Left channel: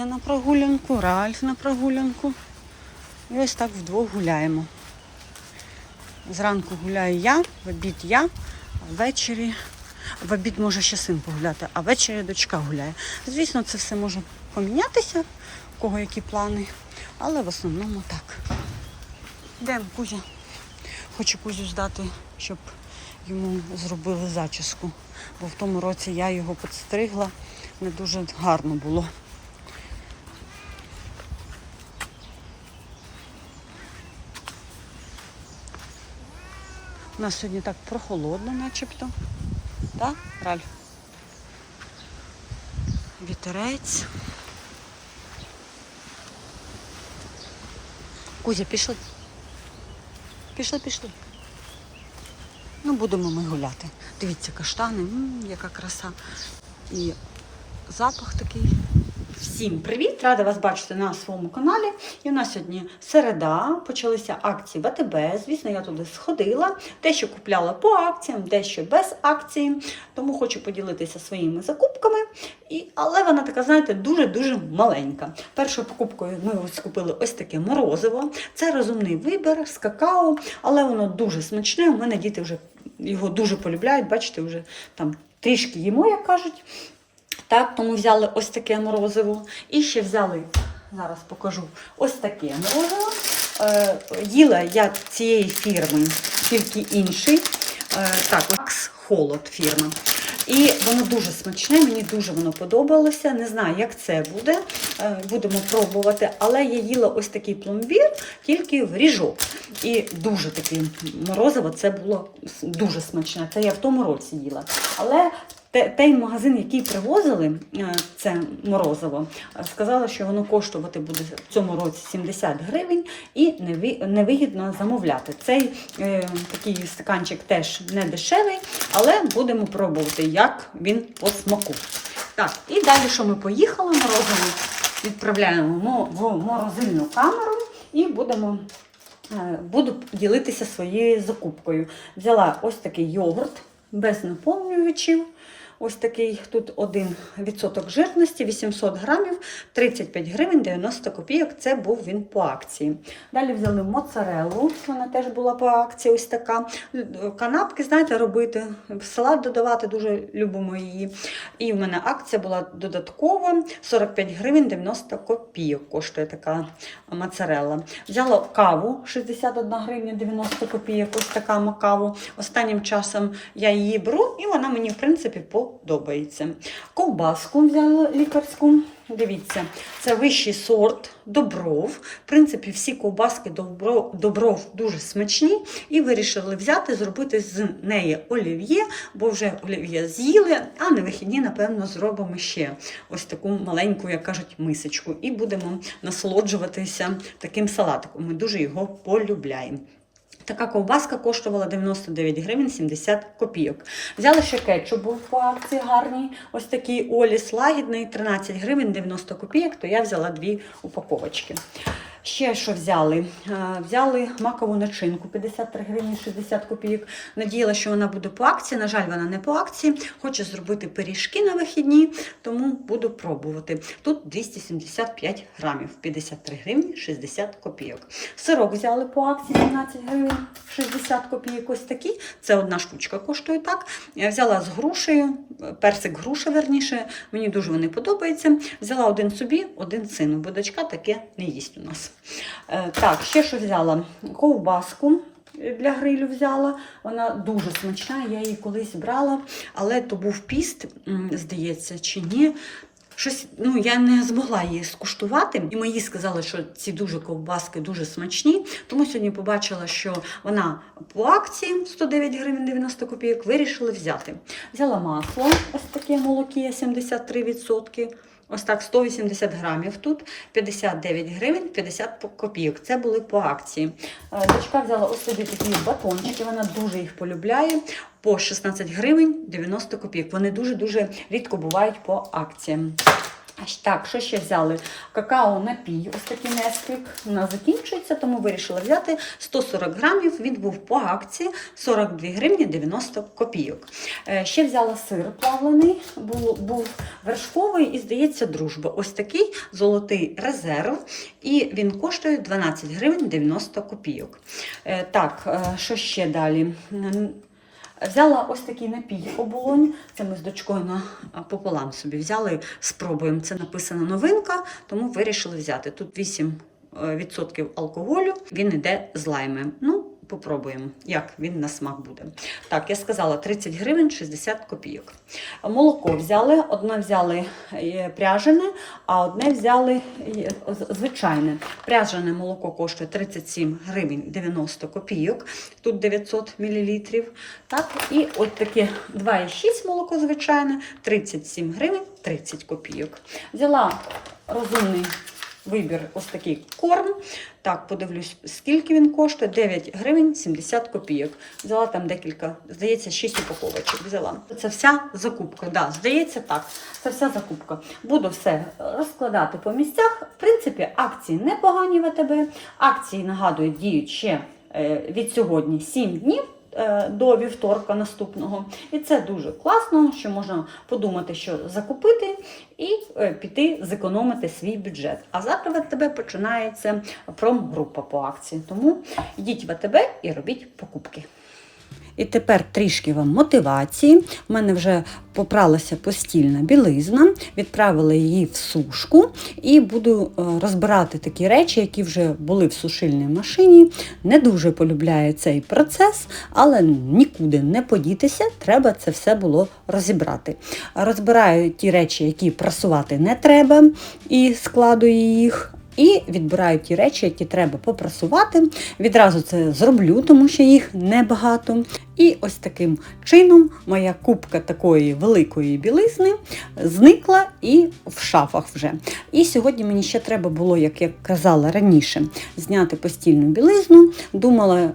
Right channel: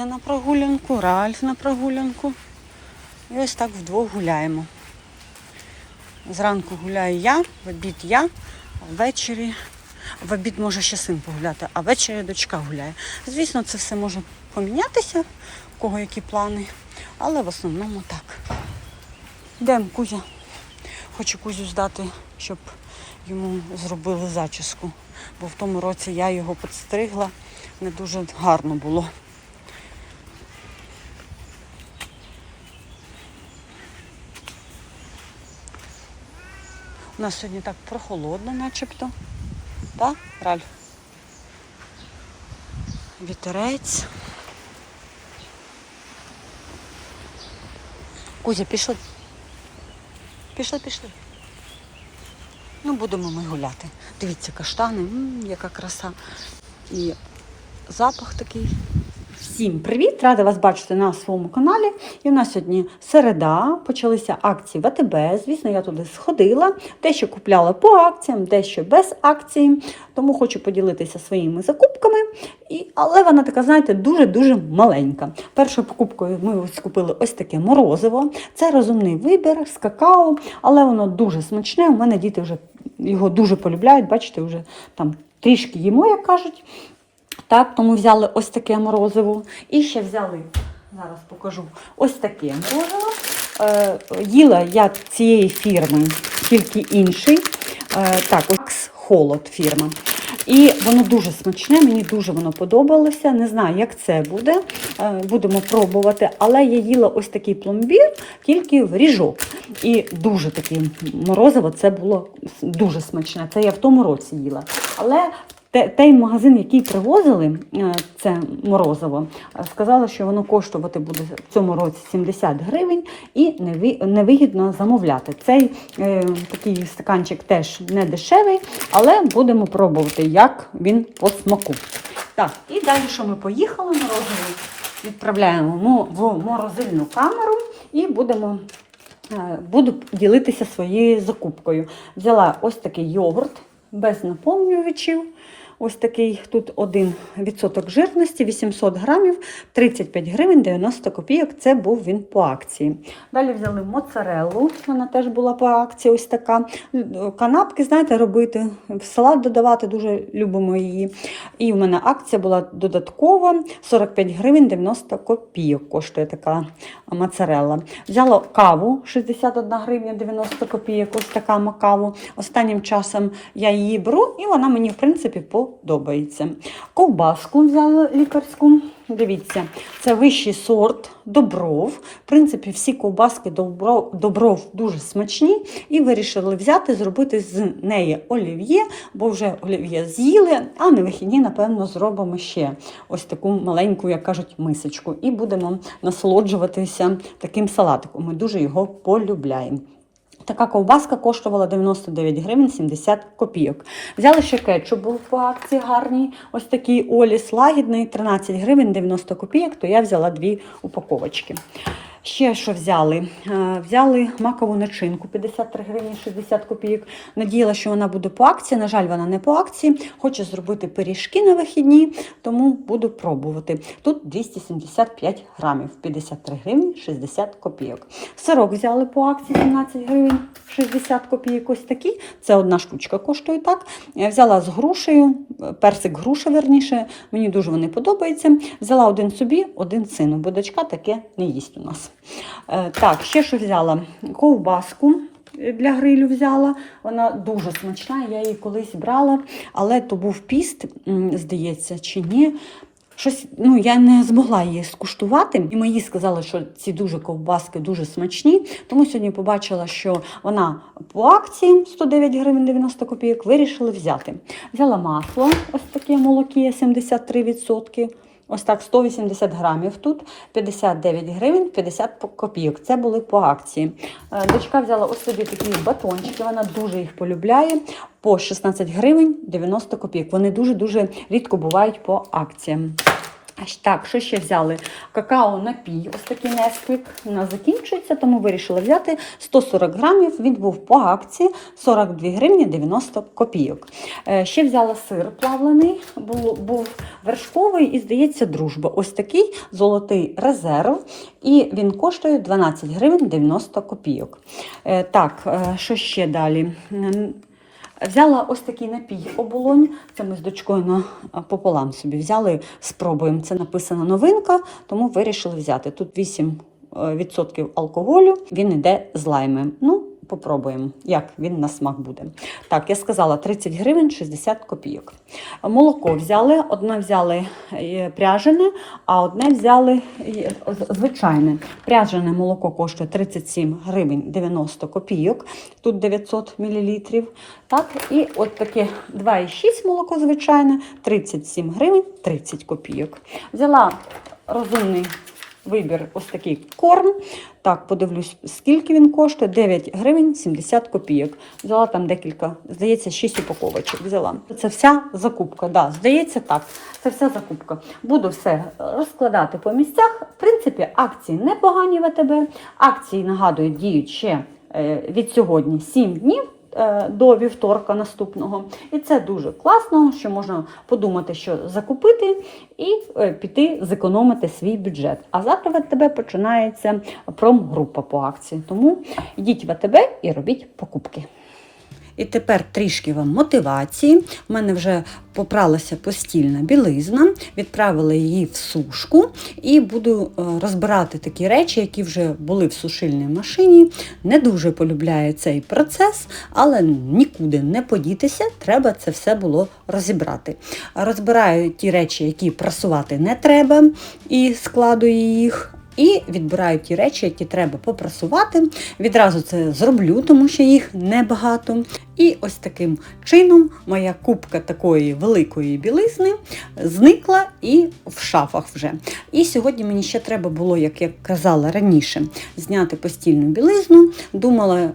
Кузя на прогулянку, Ральф на прогулянку. І ось так вдвох гуляємо. Зранку гуляю я, в обід я, а ввечері, в обід може ще син погуляти, а ввечері дочка гуляє. Звісно, це все може помінятися, у кого які плани, але в основному так. Йдемо, Кузя. Хочу Кузю ждати, щоб йому зробили зачіску. Бо в тому році я його підстригла, не дуже гарно було. У нас сьогодні так прохолодно, начебто. Так, Ральф? Вітерець. Кузя, пішли. Пішли, пішли. Ну, будемо ми гуляти. Дивіться, каштани, м, яка краса. І запах такий. Всім привіт! Рада вас бачити на своєму каналі. І в нас сьогодні середа, почалися акції в АТБ. Звісно, я туди сходила. Дещо купляла по акціям, дещо без акції. Тому хочу поділитися своїми закупками. І, але вона така, знаєте, дуже-дуже маленька. Першою покупкою ми ось купили ось таке морозиво. Це розумний вибір з какао, але воно дуже смачне. У мене діти вже його дуже полюбляють. Бачите, вже там трішки їмо, як кажуть. Так, тому взяли ось таке морозиво. І ще взяли, зараз покажу, ось таке морозиво. Е, їла я цієї фірми, тільки інший. Е, так, ось холод фірма. І воно дуже смачне, мені дуже воно подобалося. Не знаю, як це буде. Е, Будемо пробувати. Але я їла ось такий пломбір, тільки в ріжок. І дуже таке морозиво, це було дуже смачне. Це я в тому році їла. Але той магазин, який привозили е, це морозиво, сказали, що воно коштувати буде в цьому році 70 гривень і невигідно замовляти. Цей е, такий стаканчик теж не дешевий, але будемо пробувати, як він по смаку. Так, і далі, що ми поїхали, морозиво відправляємо в морозильну камеру і будемо. Е, Буду ділитися своєю закупкою. Взяла ось такий йогурт без наповнювачів. Ось такий тут 1% жирності, 800 грамів, 35 гривень 90 копійок. Це був він по акції. Далі взяли моцареллу, вона теж була по акції. Ось така. Канапки, знаєте, робити, салат додавати, дуже любимо її. І в мене акція була додаткова 45 гривень 90 копійок коштує така моцарелла. Взяла каву 61 гривня 90 копійок, ось така макаву. Останнім часом я її беру, і вона мені, в принципі, подобається. Ковбаску взяла лікарську. Дивіться, це вищий сорт добров. В принципі, всі ковбаски добров, добров дуже смачні. І вирішили взяти, зробити з неї олів'є, бо вже олів'є з'їли, а на вихідні, напевно, зробимо ще ось таку маленьку, як кажуть, мисочку. І будемо насолоджуватися таким салатиком. Ми дуже його полюбляємо. Така ковбаска коштувала 99 гривень 70 копійок. Взяли ще кетчуп, був по акції гарний. Ось такий Оліс лагідний, 13 гривень 90 копійок, то я взяла дві упаковочки. Ще що взяли? Е, Взяли макову начинку 53 гривні 60 копійок. Надіяла, що вона буде по акції. На жаль, вона не по акції. Хочу зробити пиріжки на вихідні, тому буду пробувати. Тут 275 грамів, 53 гривні 60 копійок. Сирок взяли по акції 17 гривень 60 копійок. Ось такі. Це одна штучка коштує так. Я взяла з грушею, персик груша, верніше. Мені дуже вони подобаються. Взяла один собі, один сину, бо дочка таке не їсть у нас. Е, Так, ще що взяла? Ковбаску. Для грилю взяла, вона дуже смачна, я її колись брала, але то був піст, здається, чи ні. Щось, ну, я не змогла її скуштувати. І мої сказали, що ці дуже ковбаски дуже смачні. Тому сьогодні побачила, що вона по акції 109 гривень 90 копійок. Вирішили взяти. Взяла масло, ось таке молоке 73%. Ось так 180 грамів тут, 59 гривень 50 по- копійок. Це були по акції. Е, Дочка взяла ось собі такі батончики, вона дуже їх полюбляє. По 16 гривень 90 копійок. Вони дуже-дуже рідко бувають по акціям. Так, що ще взяли? Какао напій, ось такий несквік. У нас закінчується, тому вирішили взяти 140 грамів. Він був по акції 42 гривні 90 копійок. Е, Ще взяла сир плавлений, був, був вершковий і, здається, дружба. Ось такий золотий резерв. І він коштує 12 гривень 90 копійок. Е, Так, е, що ще далі? Взяла ось такий напій оболонь. Це ми з дочкою на пополам собі взяли, спробуємо. Це написана новинка, тому вирішили взяти. Тут 8% алкоголю, він йде з лайми. Ну, попробуємо, як він на смак буде. Так, я сказала 30 гривень 60 копійок. Молоко взяли, одне взяли е, пряжене, а одне взяли е, звичайне. Пряжене молоко коштує 37 гривень 90 копійок, тут 900 мл. Так, і от таке 2,6 молоко звичайне, 37 гривень 30 копійок. Взяла розумний вибір ось такий корм. Так, подивлюсь, скільки він коштує. 9 гривень 70 копійок. Взяла там декілька, здається, 6 упаковочок взяла. Це вся закупка. Да, здається, так. Це вся закупка. Буду все розкладати по місцях. В принципі, акції непогані в АТБ. Акції, нагадую, діють ще е, від сьогодні 7 днів до вівторка наступного. І це дуже класно, що можна подумати, що закупити і е, піти зекономити свій бюджет. А завтра в АТБ починається промгрупа по акції. Тому йдіть в АТБ і робіть покупки. І тепер трішки вам мотивації. У мене вже попралася постільна білизна, відправила її в сушку і буду е, розбирати такі речі, які вже були в сушильній машині. Не дуже полюбляю цей процес, але нікуди не подітися, треба це все було розібрати. Розбираю ті речі, які прасувати не треба, і складую їх. І відбираю ті речі, які треба попрасувати. Відразу це зроблю, тому що їх небагато. І ось таким чином моя кубка такої великої білизни зникла і в шафах вже. І сьогодні мені ще треба було, як я казала раніше, зняти постільну білизну. Думала, е,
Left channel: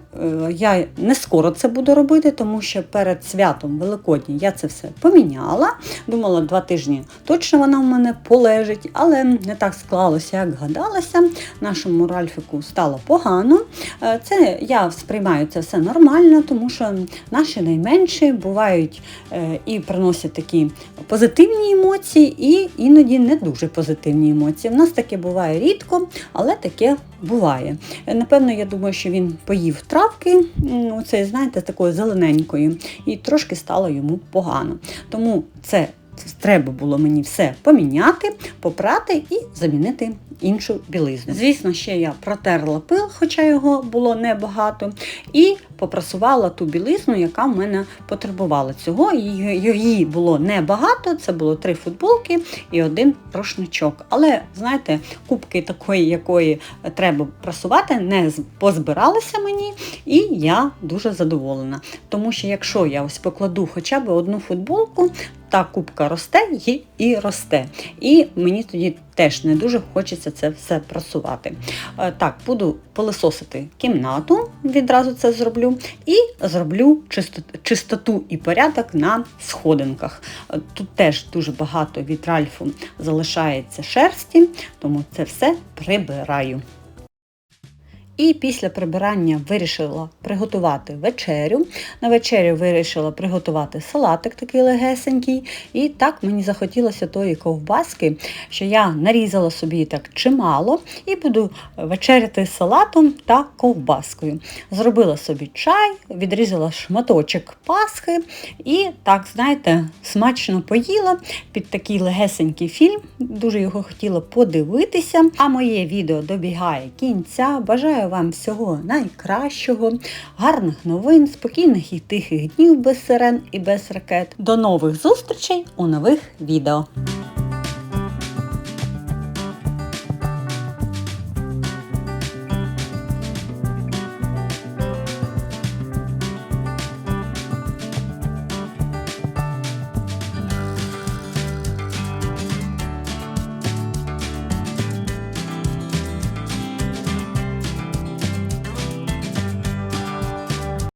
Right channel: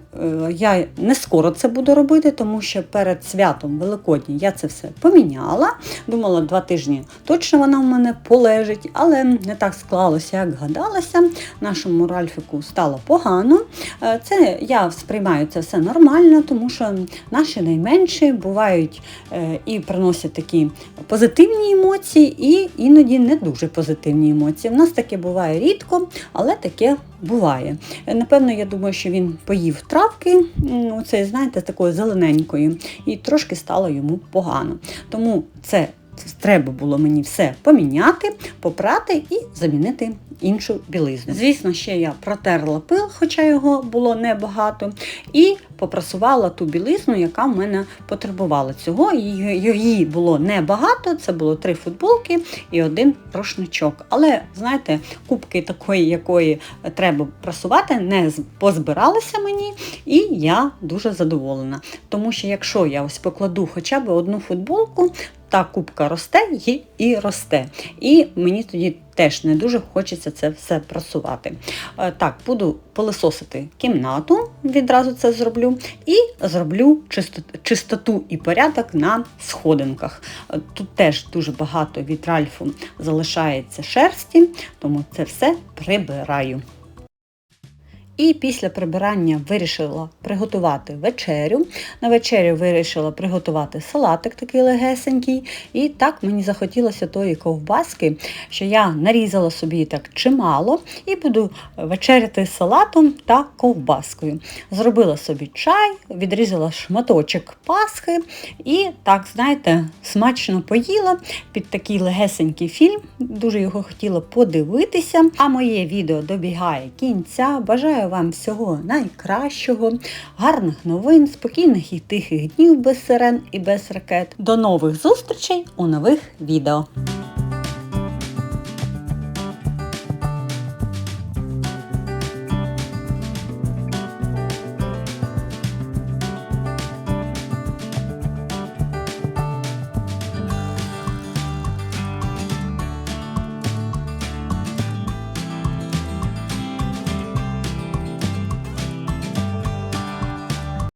я не скоро це буду робити, тому що перед святом Великодні я це все поміняла. Думала, два тижні точно вона в мене полежить, але не так склалося, як гадалося. Нашому Ральфіку стало погано. Е, Це я сприймаю це все нормально, тому що наші найменші бувають е, і приносять такі позитивні емоції, і іноді не дуже позитивні емоції. У нас таке буває рідко, але таке буває. Е, Напевно, я думаю, що він поїв травки, м, оцеї, знаєте, такої зелененької, і трошки стало йому погано. Тому це треба було мені все поміняти, попрати і замінити іншу білизну. Звісно, ще я протерла пил, хоча його було небагато, і попрасувала ту білизну, яка в мене потребувала цього. Її було небагато, це було три футболки і один рушничок. Але, знаєте, кубки такої, якої треба прасувати, не позбиралися мені, і я дуже задоволена. Тому що якщо я ось покладу хоча б одну футболку, та кубка росте і росте. І мені тоді теж не дуже хочеться це все прасувати. Е, Так, буду пилисосити кімнату, відразу це зроблю, і зроблю чисто- чистоту і порядок на сходинках. Е, Тут теж дуже багато від Ральфу залишається шерсті, тому це все прибираю. І після прибирання вирішила приготувати вечерю. На вечерю вирішила приготувати салатик такий легесенький. І так мені захотілося тої ковбаски, що я нарізала собі так чимало і буду вечеряти салатом та ковбаскою. Зробила собі чай, відрізала шматочок пасхи і так, знаєте, смачно поїла під такий легесенький фільм. Дуже його хотіла подивитися. А моє відео добігає кінця. Бажаю вам всього найкращого, гарних новин, спокійних і тихих днів без сирен і без ракет. До нових зустрічей у нових відео.